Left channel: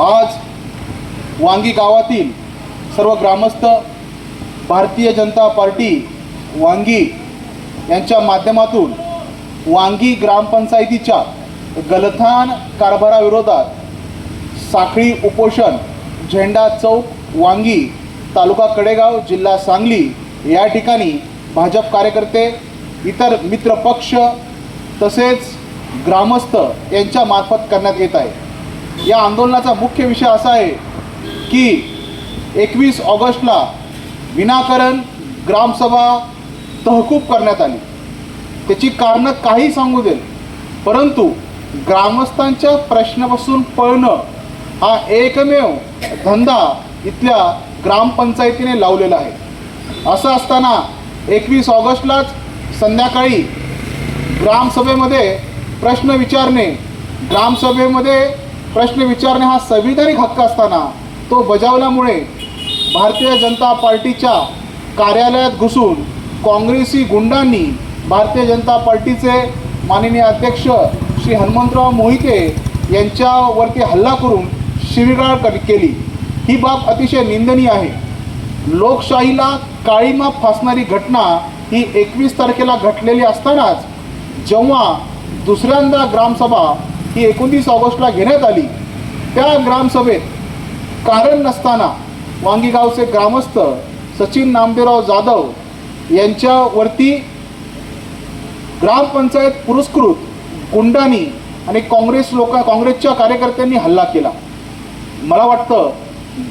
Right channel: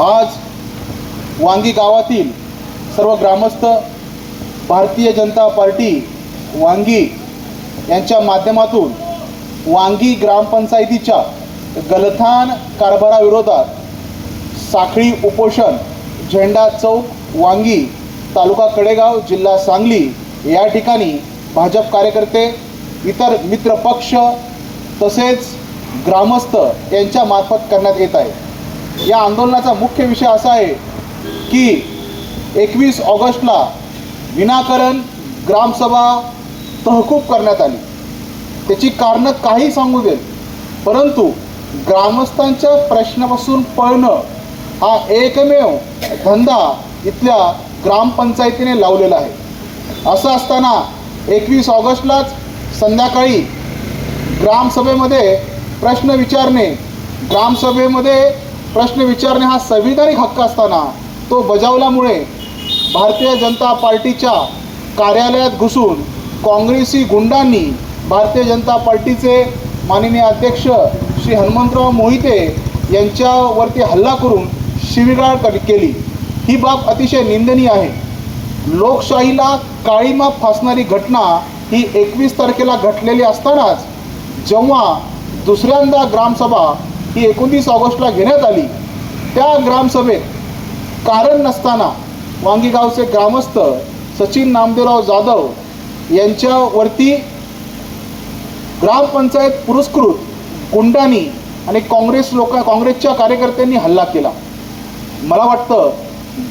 आज वांगी गावातील सर्व ग्रामस्थ भारतीय जनता पार्टी वांगी यांच्या माध्यमातून वांगी ग्रामपंचायतीच्या गलथान कारभाराविरोधात साखळी उपोषण झेंडा चौक वांगी तालुका कडेगाव जिल्हा सांगली या ठिकाणी भाजप कार्यकर्ते इतर मित्रपक्ष तसेच ग्रामस्थ यांच्या मार्फत करण्यात येत आहे. या आंदोलनाचा मुख्य विषय असा आहे की एकवीस ऑगस्टला विनाकारण ग्रामसभा तहकूब करण्यात आली. त्याची कारणं काही सांगू देत परंतु ग्रामस्थांच्या प्रश्नापासून पळणं हा एकमेव धंदा इथल्या ग्रामपंचायतीने लावलेला आहे. असं असताना एकवीस ऑगस्टलाच संध्याकाळी ग्रामसभेमध्ये प्रश्न विचारणे ग्रामसभेमध्ये प्रश्न विचारणे हा संविधानिक हक्क असताना तो बजावल्यामुळे भारतीय जनता पार्टीच्या कार्यालयात घुसून काँग्रेसी गुंडांनी भारतीय जनता पार्टीचे माननीय अध्यक्ष श्री हनुमंतराव मोहिते यांच्यावरती हल्ला करून शिवीगाळ कर- केली. ही बाब अतिशय निंदनीय आहे. लोकशाहीला काळीमा फासणारी घटना ही एकवीस तारखेला घटलेली असतानाच जेव्हा दुसऱ्यांदा ग्रामसभा ही एकोणतीस ऑगस्टला घेण्यात आली. त्या ग्रामसभेत कारण नसताना वांगीगावचे ग्रामस्थ सचिन नामदेवराव जाधव यांच्यावरती ग्रामपंचायत पुरस्कृत गुंडांनी आणि काँग्रेस लोक काँग्रेसच्या कार्यकर्त्यांनी हल्ला केला. मला वाटतं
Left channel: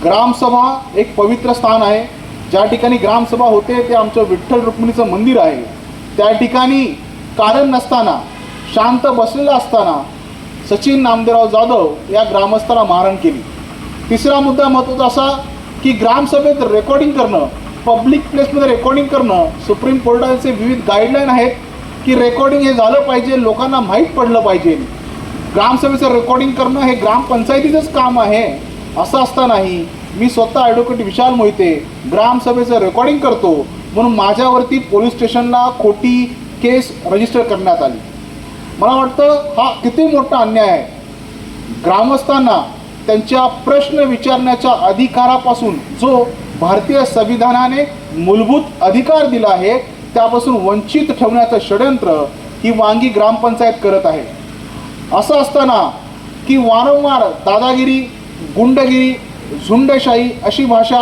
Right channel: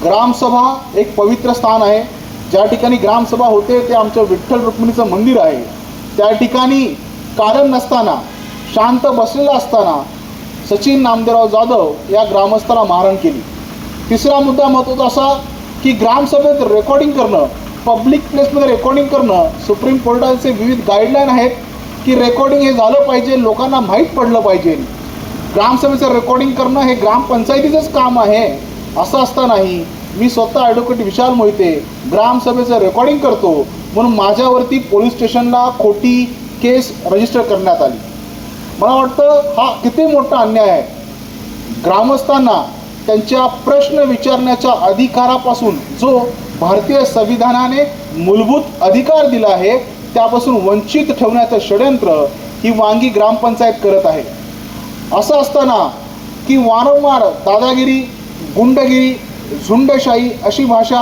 ग्रामसभा एक पवित्र स्थान आहे. ज्या ठिकाणी ग्रामसभा होते ते आमचं विठ्ठल रुक्मिणीचं मंदिर आहे. त्या ठिकाणी कारण नसताना शांत बसलेलं असताना सचिन नामदेवराव जाधव या ग्रामस्थाला मारहाण केली. तिसरा मुद्दा महत्त्वाचा असा की ग्रामसभेत रेकॉर्डिंग करणं पब्लिक प्लेसमध्ये रेकॉर्डिंग करणं सुप्रीम कोर्टाचे विविध गाईडलाईन आहेत की रेकॉर्डिंग हे झालं पाहिजे लोकांना माहीत पडलं पाहिजे. ग्रामसभेचं रेकॉर्डिंग करणं हे ग्रामपंचायतीचंच काम आहे असं असतानाही मी स्वतः ॲडव्होकेट विशाल मोहिते ग्रामसभेचं रेकॉर्डिंग करतो म्हणून माझ्यावरती पोलीस स्टेशनला खोटी केस रजिस्टर करण्यात आली. मला वाटतं हा किती मोठा अन्याय आहे. ग्रामस्थांना त्यांच्या प्रश्न विचारण्याच्या अधिकारापासून जो भारतीय संविधानाने मूलभूत अधिकार दिला आहे त्यापासून वंचित ठेवण्याचं षडयंत्र ही वांगी ग्रामपंचायत करत आहे. असं असताना की वारंवार दादागिरी गुंडगिरी झुंडशाही अशी भाषा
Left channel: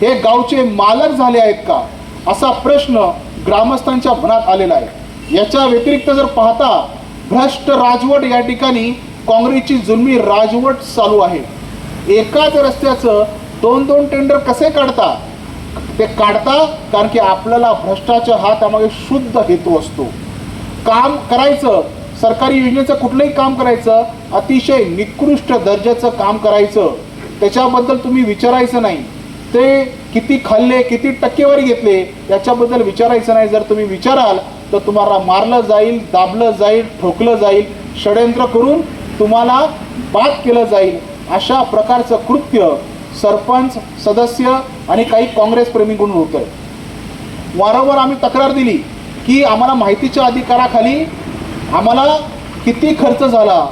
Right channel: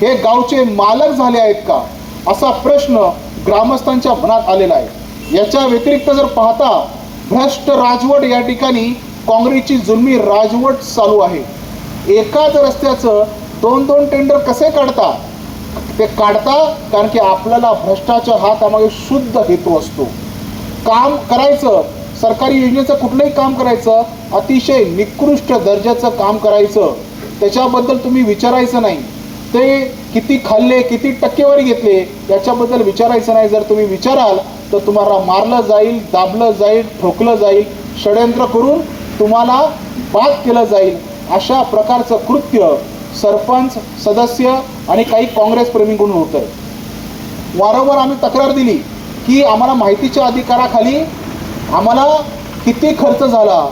हे गावचे मालक झाले आहेत का असा प्रश्न ग्रामस्थांच्या मनात आलेला आहे. याच्या व्यतिरिक्त जर पाहता भ्रष्ट राजवट या ठिकाणी काँग्रेसची जुलमी राजवट चालू आहे. एकाच रस्त्याचं दोन दोन टेंडर कसे काढता? ते काढता कारण की आपल्याला भ्रष्टाचार हा त्यामागे शुद्ध हेतू असतो. काम करायचं सरकारी योजनेचं कुठलंही काम करायचं अतिशय निकृष्ट दर्जाचं काम करायचं त्याच्याबद्दल तुम्ही विचारायचं नाही. ते किती खाल्ले किती टक्केवारी घेतले याच्याबद्दल विचारायचं नाही. जर तुम्ही विचाराल तर तुम्हाला मारलं जाईल दाबलं जाईल ठोकलं जाईल षडयंत्र करून तुम्हाला बाद केलं जाईल. अशा प्रकारचं कृत्य सरपंच सदस्य आणि काही काँग्रेसप्रेमीकडून होत आहे. वारंवार आम्ही तक्रार दिली की आम्हाला माहितीच्या अधिकाराखाली आम्हाला किती खर्च झाला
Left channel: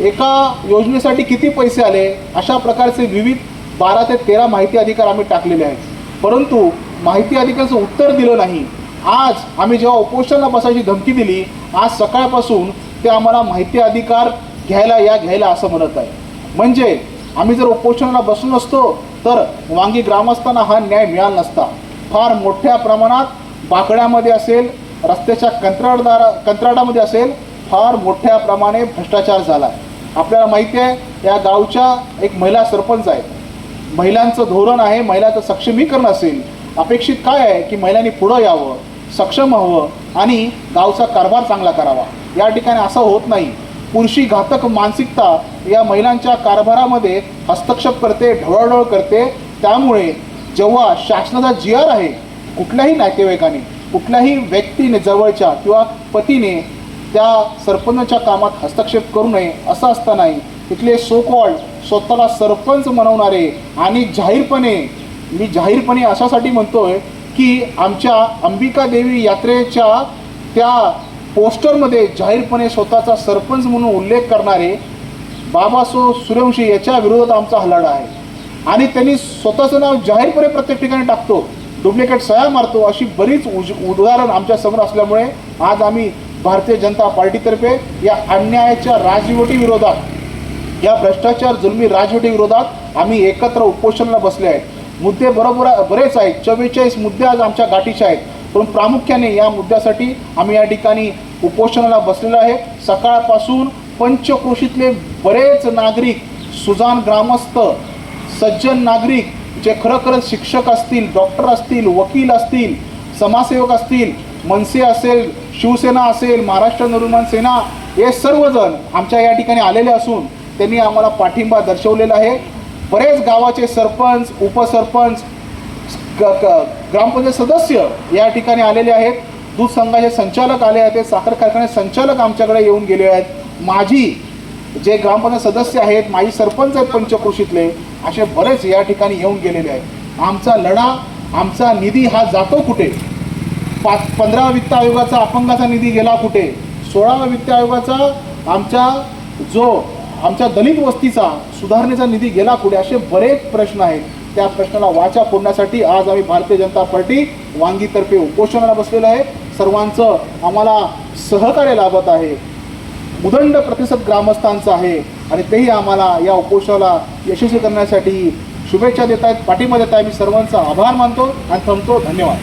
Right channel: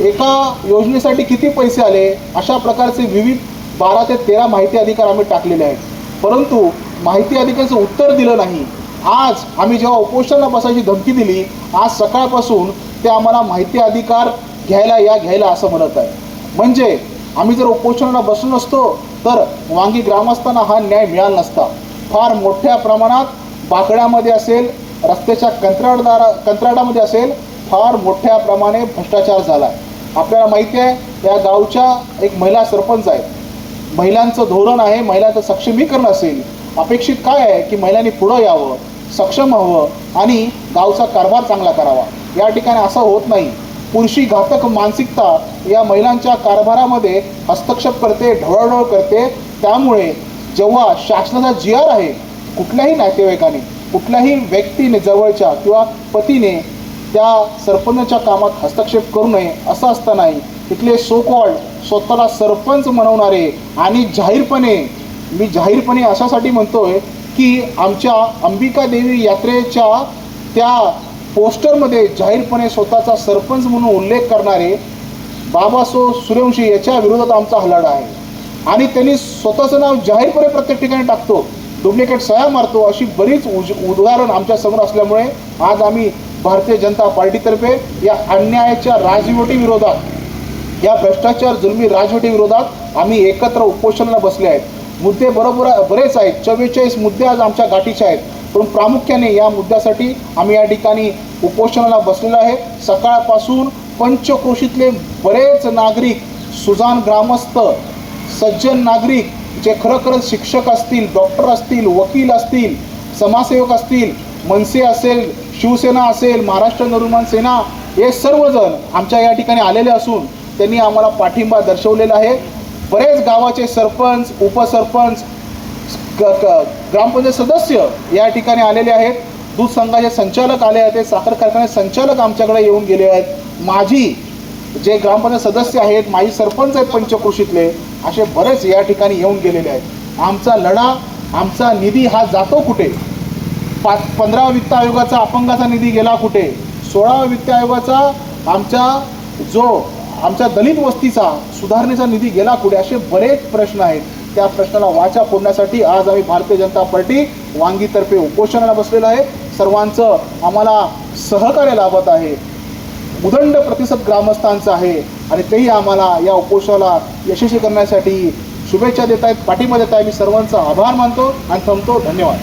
एका योजनेसाठी किती पैसे आले अशा प्रकारचे विविध बारा ते तेरा माहिती अधिकार आम्ही टाकलेले आहेत. परंतु माहिती अधिकाराचं उत्तर दिलं नाही. आज आम्ही जेव्हा उपोषणाला बसायची धमकी दिली आज सकाळपासून ते आम्हाला माहिती अधिकार घ्यायला या घ्यायला असं म्हणत आहे. म्हणजे आम्ही जर उपोषणाला बसून असतो तर वांगी ग्रामस्थांना हा न्याय मिळाला नसता. फार मोठ्या प्रमाणात बाकड्यामध्ये असेल रस्त्याच्या कंत्राटदार कंत्राटामध्ये असेल फार मोठ्या प्रमाणे भ्रष्टाचार झाला. आहे आपल्याला माहिती आहे या गावच्या एक महिला सरपंच आहेत महिलांचं धोरण आहे महिलांचं सक्षमीकरण असेल. अपेक्षित काय आहे की महिलांनी पुढं यावं? सक्षम हवं आणि गावचा कारभार चांगला करावा. या ठिकाणी असं होत नाही. पुरुषी घातक मानसिकता या महिलांच्या कारभारामध्ये हस्तक्षेप करते ढवळढवळ करते. त्यामुळे जेव्हा शासनाचा जी आर आहे कुठल्याही नातेवाईकाने कुठल्याही व्यक्तीने जवळच्या किंवा पतीने त्या सरपंचच्या कामात हस्तक्षेप करू नये असं असतानाही इथले सोकॉल्ड स्वतःला सरपंच म्हणवणारे आणि जाहीरपणे मी जाहीरपणे अशासाठी म्हणतोय की आमच्या अंबिका देवी यात्रेच्या त्या पोस्टरमध्ये जाहीरपणे स्वतःचा सरपंच म्हणून उल्लेख करणारे बाबासो सूर्यवंशी याच्या विरोधात आमचा हल्लाडा आहे. आणि त्यांनी स्वतःचं नाव जाहीरपणे प्रत्येक ठिकाणी टाकतो डुप्लिकेट सह्या मारतो अशी बरीच उज उदाहरण आमच्यासमोर असल्यामुळे आज आम्ही भारतीय जनता पार्टीतर्फे या अन्यायाच्या राजवटी विरोधात या भ्रष्टाचार जुलमी राजवटी विरोधात आम्ही एकत्र उपोषणाला बसले आहेत. मुद्दे बरोबर बरेच आहेत. चव्वेचाळीस मुद्दे आज आमच्या गाठीचे आहेत. पण प्रामुख्याने या मुद्द्यासाठी आम्ही या ठिकाणी उपोषणाला बसलेलो आहे. सकाळपासून पंचक्रोशीतले बरेच नागरिक सुजान ग्रामस्थ सज्जन नागरिक जे खरोखरच शिक्षक असतील डॉक्टर असतील वकील असतील समाजसेवक असतील मनसे असेल शिवसेना असेल महाराष्ट्र निर्माण सेना हे सर्वजण आमच्या या ठिकाणी आलेले असून त्यांनी आम्हाला पाठिंबा दर्शवलेला आहे. बरेच गावाचे सरपंच उपसरपंच ग- ग्रामपंचायत सदस्य या ठिकाणी आलेले आहेत. दूध संघाचे संचालक आले आहेत. साखर कारखाने संचालक आमच्याकडे येऊन गेले आहेत. माझी जे ग्रामपंचायत सदस्य आहेत माजी सरपंच आहेत पंचकृषीतले असे बरेच या ठिकाणी येऊन गेलेले आहेत. आमचा लढा आमचा निधी हा जातो कुठे? पाच पंधराव्या वित्त आयोगाचा अपंगाचा निधी गेला कुठे? सोळावा वित्त आयोगाचा आमचा जो आमच्या दलित वस्तीचा सुधारणेचा निधी गेला कुठे असे बरेच प्रश्न आहेत. त्या प्रश्नाला वाचा फोडण्यासाठी आज आम्ही भारतीय जनता पार्टी वांगीतर्फे उपोषणाला बसलेलो आहे. सर्वांचं आम्हाला सहकार्य लाभत आहे. उदंड प्रतिसाद ग्रामस्थांचा आहे आणि तेही आम्हाला या उपोषणाला यशस्वी करण्यासाठी शुभेच्छा देत आहेत. पाठिंबा देत आहे. मी सर्वांचा आभार मानतो आणि थांबतो. धन्यवाद.